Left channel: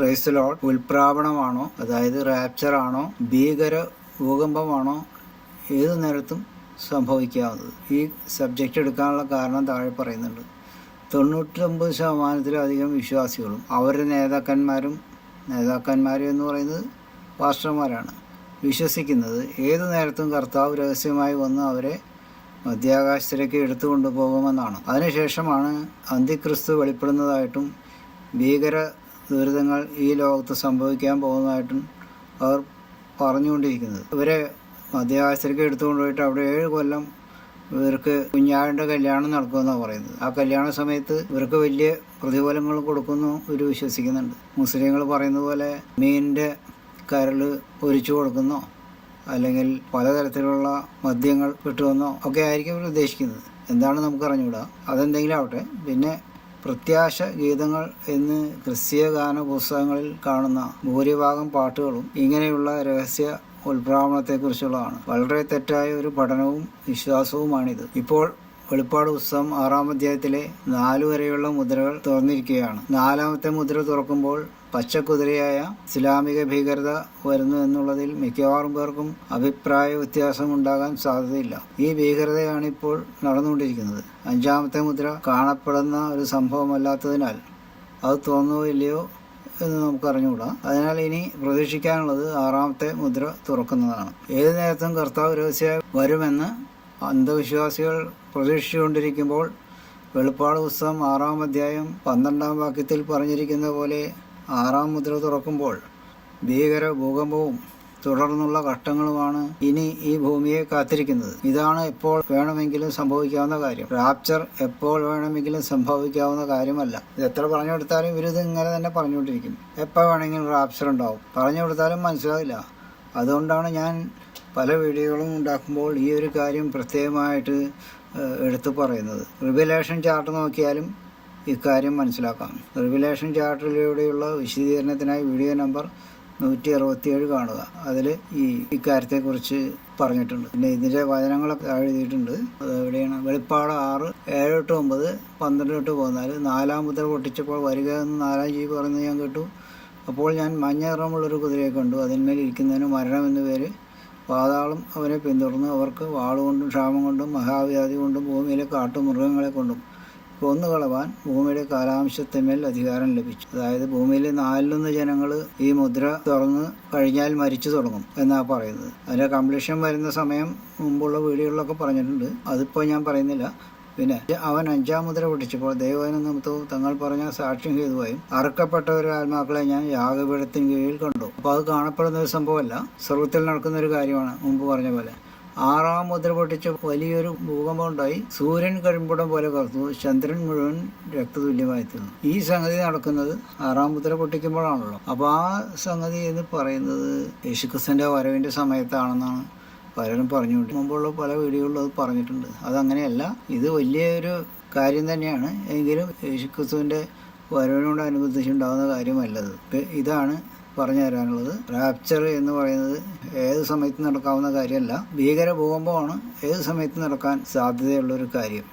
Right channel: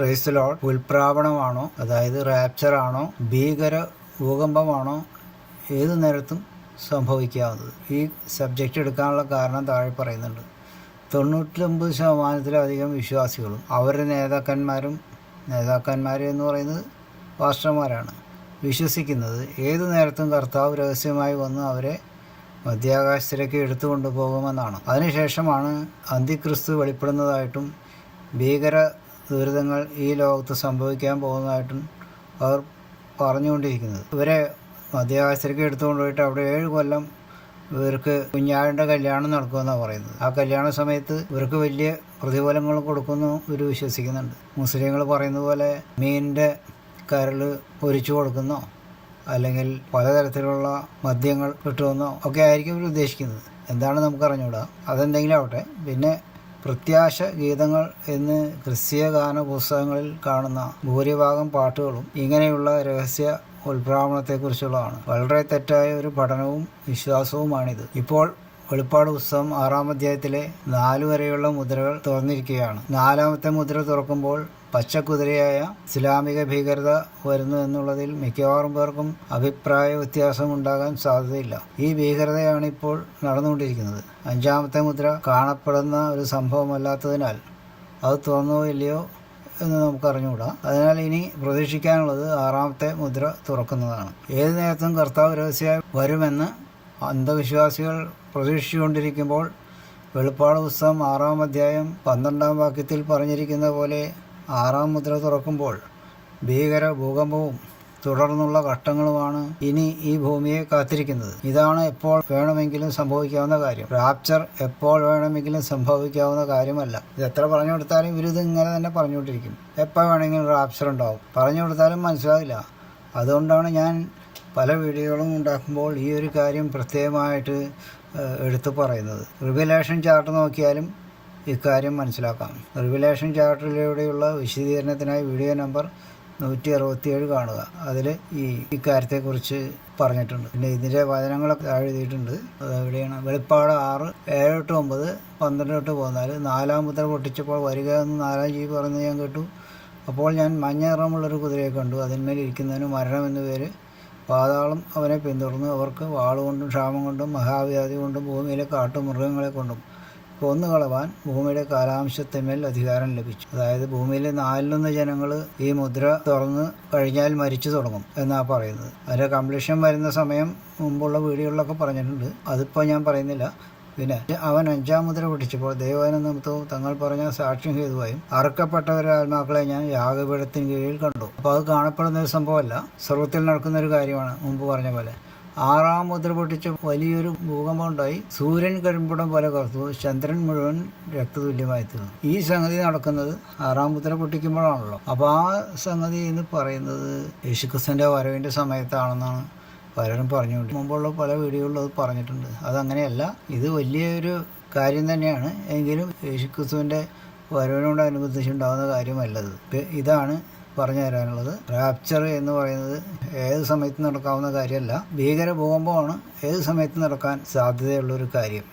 Praise Lord ഉൽപ്രാവണമാണോ, അതായത് rapture ആണോ, ഭീകര ഭൂകമ്പമാണോ, ഏതു നേരത്തും സംഭവിക്കാവുന്നത്. ഈ സബ്ജക്റ്റ് എടുക്കാനുള്ള കാരണം താഴെ പറയുന്നുണ്ട്. 99% വിശ്വാസികളും അവരുടെ നേതാക്കന്മാർ എന്ന് പറയുന്നത് പാസ്റ്റർമാരാണ്, വിശ്വസിക്കുന്നത് ഏതു നേരത്തും കർത്താവ് രഹസ്യമായി വന്ന് അവരെ മധ്യാകാശത്തിലേക്ക് എടുത്തുകൊണ്ടു പോകുമെന്നാണ്. അതിനുശേഷമാണ് അന്തിക്രിസ്തു വെളിപ്പെടുന്നതായിട്ടും ഭീകര ദുരിതങ്ങൾ ഈ ലോകത്ത് സംഭവിക്കാൻ പോകുന്നതായിട്ടും അവർ പറഞ്ഞുകൊണ്ടിരിക്കുന്നത്. ഇവരെ മധ്യാകാശത്തിലേക്ക് എടുത്തുകൊണ്ടുപോയിട്ട് അവിടെ 7 കൊല്ലം ഇവർക്ക് കുഞ്ഞാടിൻ്റെ കല്യാണം നടക്കുമെന്നാണ് പറയുന്നത്. ആ കല്യാണ സമയത്ത് ഇവർക്ക് വലിയ പ്രതിഫലങ്ങൾ കൊടുക്കുന്നു ഇവർ വിശ്വസിക്കുന്നുണ്ട്. മുസ്ലിങ്ങൾ പറയുന്ന പോലെ മീനിൻ്റെ കരൾ പൊരിച്ചു കൊടുക്കുന്നോ അല്ലെങ്കിൽ പലതരത്തിലുള്ള മദ്യങ്ങൾ കിട്ടുമെന്നോ ഒക്കെ ആയിരിക്കും ഇവർ ഉദ്ദേശിക്കുന്നത്. എന്താണ് നമുക്കറിഞ്ഞൂടാ, അതെന്തെങ്കിലും ആവട്ടെ. പിന്നെ പ്രത്യാശ ഗീതങ്ങൾ എന്ന് ക്രിസ്തീയ ഗാന പുസ്തകങ്ങളിൽ കാണുന്ന ഭൂരിഭാഗം പാട്ടുകളും ഇങ്ങനെയുള്ള രഹസ്യ ഉൽപ്രാവണത്തെക്കുറിച്ചുള്ളതാണ്. വളരെ തെറ്റായ ഒരു പഠനവും വിശ്വാസവുമാണിത്. ഇപ്പോൾ വെളിപ്പാട് പുസ്തകം 6-ാം അധ്യായത്തിലെ 4 വരെയുള്ള മുദ്രകൾ തുറന്നിരിക്കുകയാണ്. 4-ാമത്തെ മുദ്ര തുറക്കുമ്പോൾ പച്ചക്കുതിരയായ ഇസ്ലാമിക ഭീകരത വരുന്നു എന്നുള്ളതിൽ മിക്കവാറും പേർക്കും അഭിപ്രായ വ്യത്യാസമുണ്ടാകാൻ സാധ്യതയില്ല. ഈ ഭീകരതയാണ് ഇപ്പോൾ നടന്നുകൊണ്ടിരിക്കുന്നത്. 5-ാമത്തെ മുദ്ര കാണപ്പെടുന്ന ഒരു സംഭവമല്ലാത്തതിനാൽ അത് തുറന്നോ ഇല്ലയോ എന്ന് നമുക്കറിഞ്ഞുകൂടാ. അതിനാൽ ഇനി പ്രതീക്ഷിക്കാനുള്ളത് 6-ാമത്തെ മുദ്ര തുറക്കുന്നതാണ്. ഏതു നേരത്തും കർത്താവ് രഹസ്യമായി വരുമെന്ന് അന്ധവിശ്വാസികൾ പ്രതീക്ഷിച്ചുകൊണ്ടിരിക്കുമ്പോൾ വെളിപ്പാട് പുസ്തകം 6-ാം അധ്യായം 12-ാം വാക്യത്തിൽ പറഞ്ഞിരിക്കുന്ന പോലെ 6-ാം മുദ്ര തുറക്കുമ്പോൾ ഭീകര ഭൂകമ്പവും തുടർന്നുള്ള ഘട്ടങ്ങളുമാണ് ഇനി ഈ ഭൂമിയെ കാത്തിരിക്കുന്നത്. ഇതാണ് എപ്പോൾ വേണമെങ്കിലും സംഭവിക്കാവുന്ന കാര്യം. റാപ്ചർ എപ്പോൾ വേണമെങ്കിലും സംഭവിക്കാവുന്ന കാര്യമല്ല. ഇത് എത്ര പറഞ്ഞു കൊടുത്താലും ഇവരിത് ഇങ്ങനെ തന്നെ പറഞ്ഞുകൊണ്ടിരിക്കും. എപ്പോൾ വേണമെങ്കിലും റാപ്ചർ ഉണ്ടാവും. പറഞ്ഞു കൊടുത്താലും മനസ്സിലാവില്ല. അതുകൊണ്ടാണ് ഞാൻ പല വീഡിയോകളും ഉണ്ടാക്കുമ്പോൾ ഈ ഒരു കാര്യം പ്രത്യേകമായിട്ട് എടുത്തു പറയുന്നത്. റിവലേഷൻ ചാർട്ട് നോക്കിയാലും ഇക്കാര്യം മനസ്സിലാക്കാം. റിവലേഷൻ ചാർട്ടിലൂടെയുള്ള വിശദീകരണത്തിനായി വീഡിയോ നമ്പർ 167 കാണുക. അതിൽ ഇക്കാര്യത്തെക്കുറിച്ച് പറഞ്ഞിട്ടുണ്ട്. പിന്നെ ഇതിൻ്റെ വചനങ്ങളൊക്കെ എഴുതിയിട്ടുണ്ട്. അത് എവിടെയാണ്? വെളിപ്പാട് 6:7-9, 12-14. 4-ാം മുദ്ര പൊട്ടിച്ചപ്പോൾ വരിക എന്ന് 4-ാം ജീവി പറയുന്നത് ഞാൻ കേട്ടു. അപ്പോൾ ഞാൻ മഞ്ഞ നിറമുള്ളൊരു കുതിരയെ കണ്ടു. അതിന്മേൽ ഇരിക്കുന്നതിന് മരണം എന്നു പേര്. പാതാളം അവനെ പിന്തുടർന്നു. അവർക്ക് വാളുകൊണ്ടും ക്ഷാമം കൊണ്ടും മഹാവ്യാധി കൊണ്ടും ഭൂമിയിലെ കാട്ടുമൃഗങ്ങളെ കൊണ്ടും കൊന്നുകളവാൻ ഭൂമിയുടെ കാലാംശത്തിന്മേൽ അധികാരം ലഭിച്ചു. അതായത് ഭൂമിയിലെ 4-1 ജനങ്ങൾ ഈ മുദ്ര തുറന്ന് കഴിഞ്ഞാൽ മരിച്ചു തുടങ്ങും എന്നാണ് പറയുന്നത്. അതിൻ്റെ കംപ്ലീഷൻ വരുന്ന സമയം മുമ്പുള്ള വീഡിയോകളിലൊക്കെ പറഞ്ഞിട്ടുണ്ട്. അതിപ്പോൾ ഞാൻ പറയുന്നില്ല. പിന്നെ അവൻ 5-ാം മുദ്ര പൊട്ടിച്ചപ്പോൾ ദൈവവചന നിമിത്തവും തങ്ങൾ പറഞ്ഞ സാക്ഷ്യം ഹേതുവായും അറുക്കപ്പെട്ടവരുടെ ആത്മാക്കളെ ഞാൻ യാഗപീഠത്തിന് കീഴിൽ കണ്ടു. അപ്പോൾ അത് കാണപ്പെടുന്ന ഒരു സംഭവമല്ല, സ്വർഗത്തിൽ നടക്കുന്ന ഒരു കാര്യമാണ്. മുമ്പ് പറഞ്ഞ പോലെ 6-ാം മുദ്ര പൊട്ടിച്ച് വലിയൊരു ഭൂകമ്പം ഉണ്ടായി. സൂര്യൻ കരിമ്പുടം പോലെ കറുത്തു. ചന്ദ്രൻ മുഴുവൻ രക്തതുല്യമായി തീർന്നു. ഈ സംഗതി നടക്കുന്നത് 6-ാം മുദ്ര പൊട്ടിക്കുമ്പോഴാണല്ലോ. അപ്പോൾ ആ സംഗതി എന്ന് പറയുന്നത് യേശുക്രിസ്തുവിൻ്റെ വരവിൻ്റെ സമയത്താണെന്നാണ് പലരും പറഞ്ഞുകൊണ്ട് മുമ്പുള്ള പല വീഡിയോകളിലും അത് പറഞ്ഞിട്ടുണ്ട്. അതങ്ങനെയല്ല, ഇത് വലിയൊരു കാര്യം തന്നെയാണ്. എങ്കിലും യേശുക്രിസ്തുവിൻ്റെ വരവിനോടനുബന്ധിച്ചുണ്ടാകുന്ന കാര്യമല്ലത്. ഇതാണ് പറഞ്ഞു തരാനുള്ളത്. റാപ്ചർ എന്ന് പറയുന്നത് ഏത് സമയത്ത് നടക്കാവുന്ന കാര്യമല്ല. ഭീകര ഭൂകമ്പമാണ് ഏത് സമയത്ത് നടക്കാൻ സാധ്യതയുള്ളൊരു കാര്യം.